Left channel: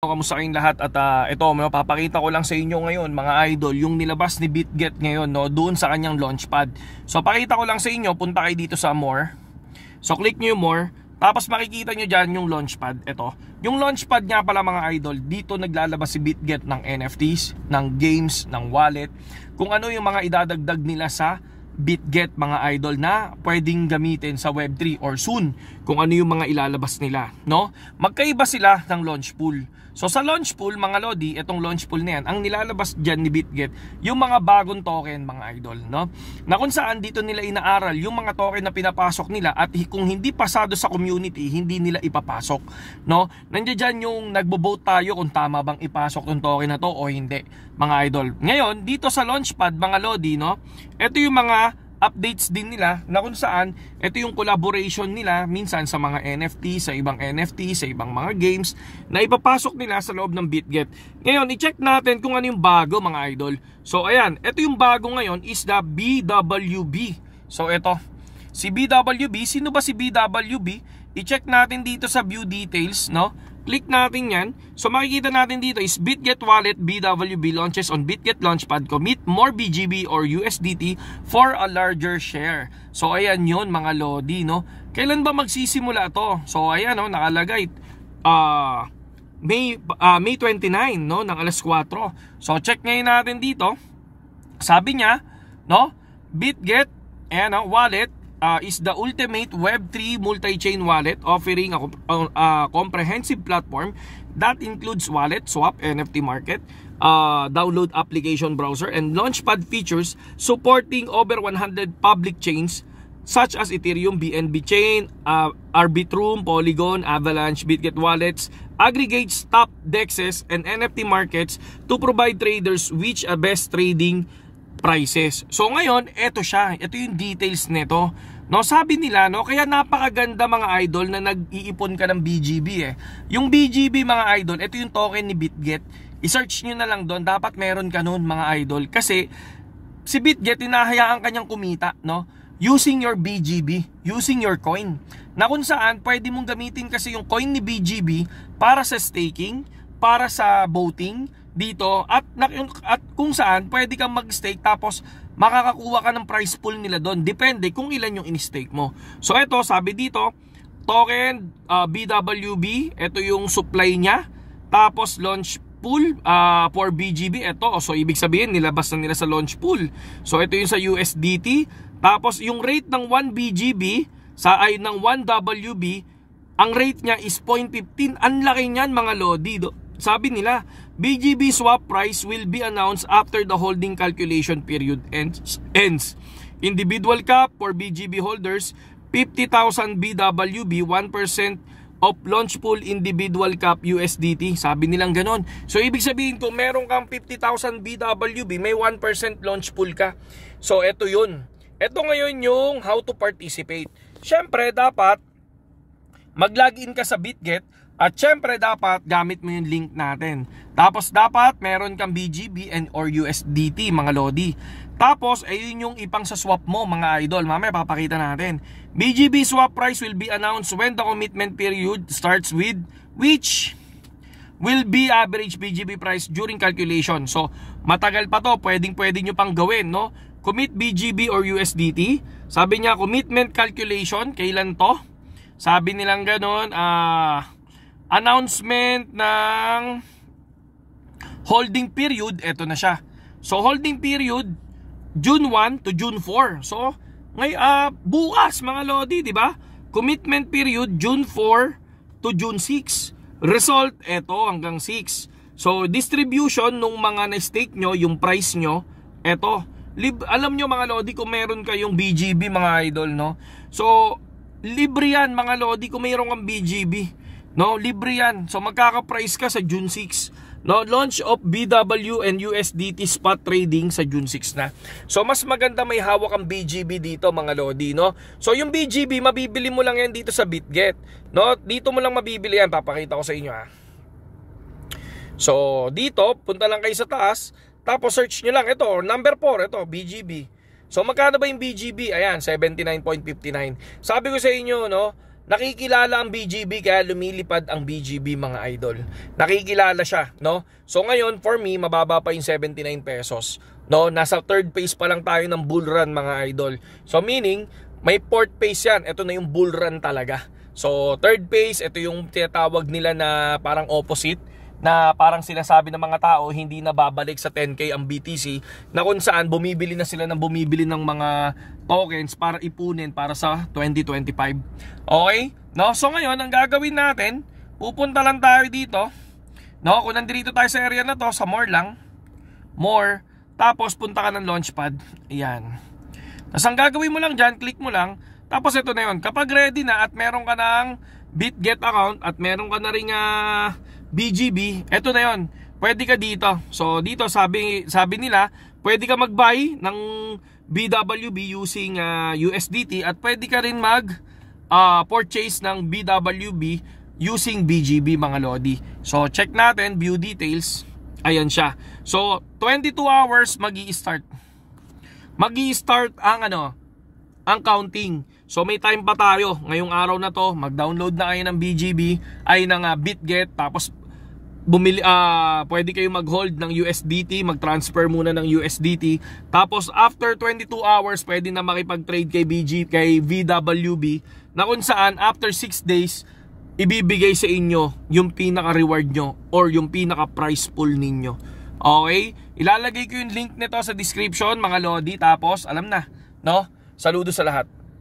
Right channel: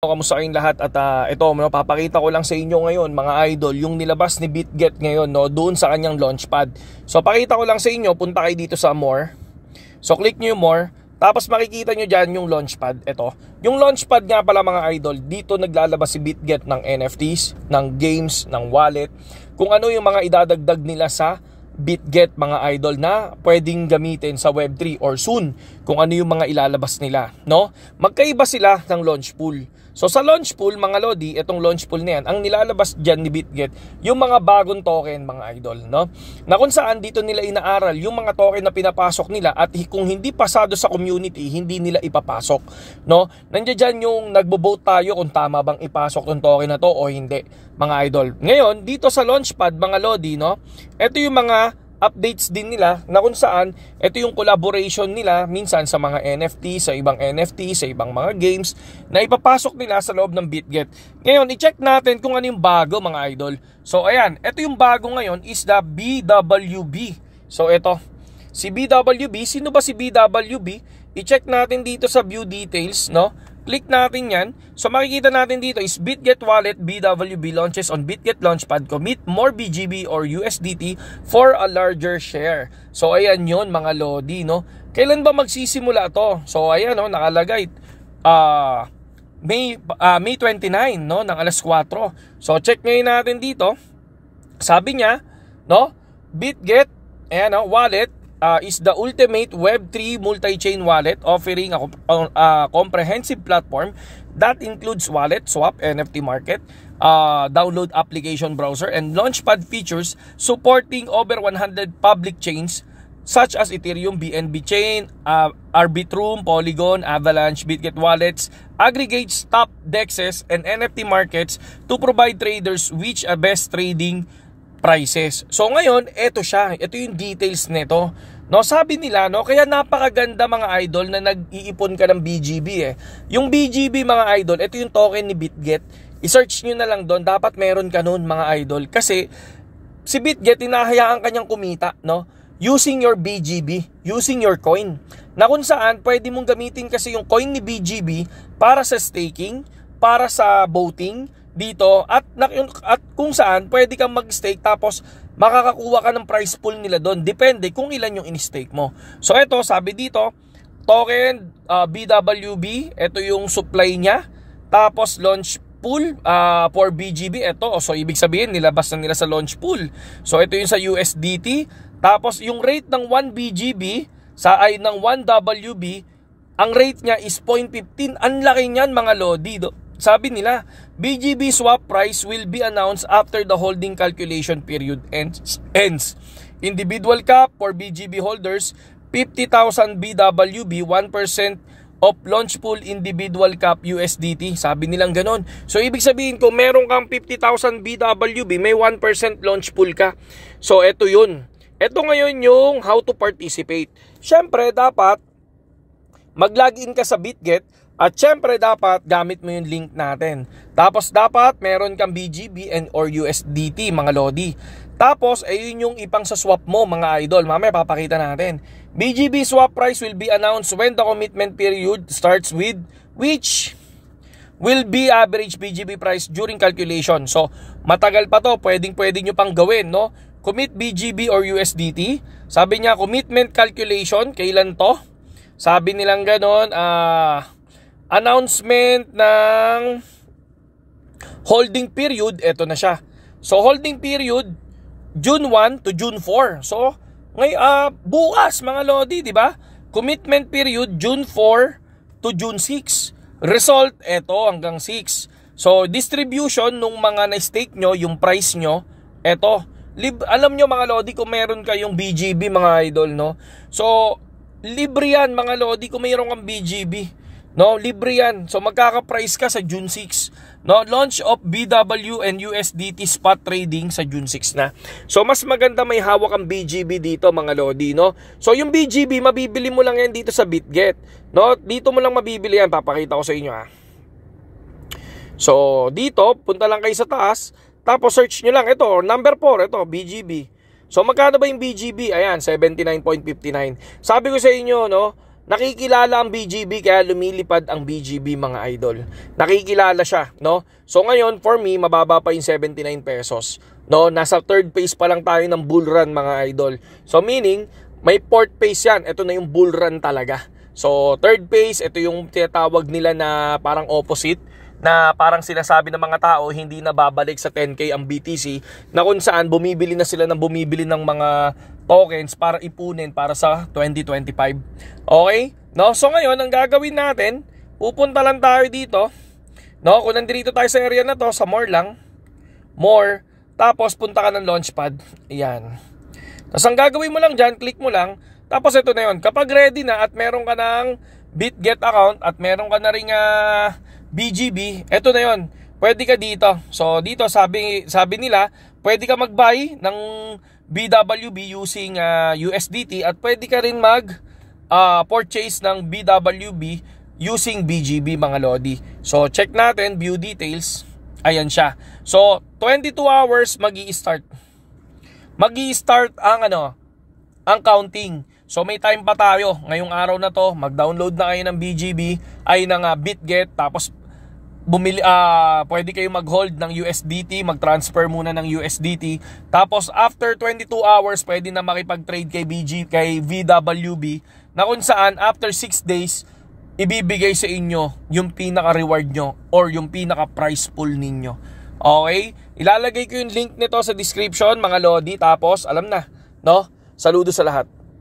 Kamusta kayong lahat at ito mapapakita ko lang sa inyo ngayon mga idol yung nilabas ni BitGet ngayon doon sa kanyang launchpad. So pakita ko lang sa inyo, punta kayo dito sa more. So click nyo yung more, tapos makikita nyo dyan yung launchpad. Ito, yung launchpad nga pala mga idol, dito naglalabas si BitGet ng NFTs, ng games, ng wallet, kung ano yung mga idadagdag nila sa BitGet mga idol na pwedeng gamitin sa Web3 or soon, kung ano yung mga ilalabas nila, no? Magkaiba sila ng launch pool. So sa launch pool mga lodi, itong launch pool na yan, ang nilalabas dyan ni BitGet, yung mga bagong token mga idol, no? Na kung saan dito nila inaaral yung mga token na pinapasok nila at kung hindi pasado sa community, hindi nila ipapasok, no? Nandiyan dyan yung nagbo-vote tayo kung tama bang ipasok yung token na to o hindi, mga idol. Ngayon, dito sa launchpad mga lodi, no? Ito yung mga updates din nila na kung saan ito yung collaboration nila minsan sa mga NFT, sa ibang NFT, sa ibang mga games na ipapasok nila sa loob ng BitGet. Ngayon, i-check natin kung ano yung bago mga idol. So ayan, ito yung bago ngayon is the BWB. So ito, si BWB, sino ba si BWB? I-check natin dito sa view details, no? Click natin yan. So makikita natin dito is BitGet Wallet BWB launches on BitGet Launchpad. Commit more BGB or USDT for a larger share. So ayan yun mga lodi, no? Kailan ba magsisimula to? So ayan, no, nakalagay May 29, no, ng alas 4. So check ngayon natin dito. Sabi niya, no, BitGet, ayan, no, wallet is the ultimate Web3 multi-chain wallet offering a comprehensive platform that includes wallet, swap, NFT market, download application browser, and launchpad features supporting over 100 public chains such as Ethereum, BNB Chain, Arbitrum, Polygon, Avalanche, BitGet Wallets, aggregates top dexes and NFT markets to provide traders with a best trading prices. So ngayon, ito siya. Ito yung details nito. No, sabi nila, no, kaya napakaganda mga idol na nag-iipon ka ng BGB eh. Yung BGB mga idol, ito yung token ni BitGet. I-search nyo na lang doon, dapat meron ka noon mga idol. Kasi si BitGet, hinahayaan kanyang kumita, no? Using your BGB, using your coin. Na kung saan, pwede mong gamitin kasi yung coin ni BGB para sa staking, para sa voting, dito at kung saan pwede kang mag-stake tapos makakakuha ka ng price pool nila doon, depende kung ilan yung in-stake mo. So ito, sabi dito, token BWB, ito yung supply niya, tapos launch pool for BGB, ito, so ibig sabihin nilabas na nila sa launch pool. So ito yung sa USDT, tapos yung rate ng 1 BGB ng 1 WB, ang rate niya is 0.15. Ang laki niyan mga lodi. Sabi nila, BGB swap price will be announced after the holding calculation period ends. Individual cap for BGB holders, 50,000 BWB, 1% of launch pool individual cap USDT. Sabi nilang ganon. So ibig sabihin kung meron kang 50,000 BWB, may 1% launch pool ka. So ito yun. Ito ngayon yung how to participate. Siyempre dapat mag-login ka sa BitGet. At syempre dapat gamit mo yung link natin. Tapos dapat meron kang BGB and or USDT mga lodi. Tapos ayun yung ipang sa swap mo mga idol. Mamaya papakita natin. BGB swap price will be announced when the commitment period starts with which will be average BGB price during calculation. So matagal pa to, pwede nyo pang gawin, no? Commit BGB or USDT. Sabi niya commitment calculation, kailan to? Sabi nilang ganon, announcement ng holding period, eto na siya. So holding period June 1 to June 4. So bukas mga lodi, di ba? Commitment period June 4 to June 6. Result eto hanggang 6. So distribution nung mga na-stake nyo, yung price nyo, eto. Alam nyo mga lodi kung meron kayong BGB mga idol, no? So libre yan mga lodi kung meron kang BGB. No, libre yan. So magkaka-price ka sa June 6. No, launch of BW and USDT spot trading sa June 6 na. So mas maganda may hawak ang BGB dito mga lodi, no? So yung BGB mabibili mo lang yan dito sa BitGet. No, dito mo lang mabibili yan. Papakita ko sa inyo ha. So dito, punta lang kayo sa taas, tapos search nyo lang ito, number 4, ito BGB. So magkano ba yung BGB? Ayan, 79.59. Sabi ko sa inyo, no, nakikilala ang BGB kaya lumilipad ang BGB mga idol. Nakikilala siya, no? So ngayon, for me, mababa pa yung 79 pesos. No, nasa third phase pa lang tayo ng bull run mga idol. So meaning, may fourth phase yan. Ito na yung bull run talaga. So third phase, ito yung tinatawag nila na parang opposite, na parang sinasabi ng mga tao hindi na babalik sa 10K ang BTC, na kung saan bumibili na sila ng bumibili ng mga tokens para ipunin para sa 2025. Okay? No? So ngayon, ang gagawin natin, pupunta lang tayo dito. No? Kung nandito tayo sa area na to, sa more lang. More. Tapos punta ka ng launchpad. Ayan. Tapos ang gagawin mo lang dyan, click mo lang. Tapos ito na yun. Kapag ready na at meron ka ng BitGet account at meron ka na ring BGB, ito na yun. Pwede ka dito. So dito sabi nila, pwede ka mag-buy ng BWB using USDT at pwede ka rin purchase ng BWB using BGB mga lodi. So check natin, view details. Ayan siya. So 22 hours magi-start. Magi-start ang ang counting. So may time pa tayo. Ngayong araw na to, mag-download na kayo ng BGB ay ng BitGet, tapos pwede kayo mag-hold ng USDT, mag-transfer muna ng USDT. Tapos after 22 hours, pwede na makipag-trade kay VWB, na kung saan after 6 days ibibigay sa inyo yung pinaka-reward nyo or yung pinaka-price pool ninyo. Okay? Ilalagay ko yung link nito sa description mga lodi. Tapos alam na, no? Saludo sa lahat.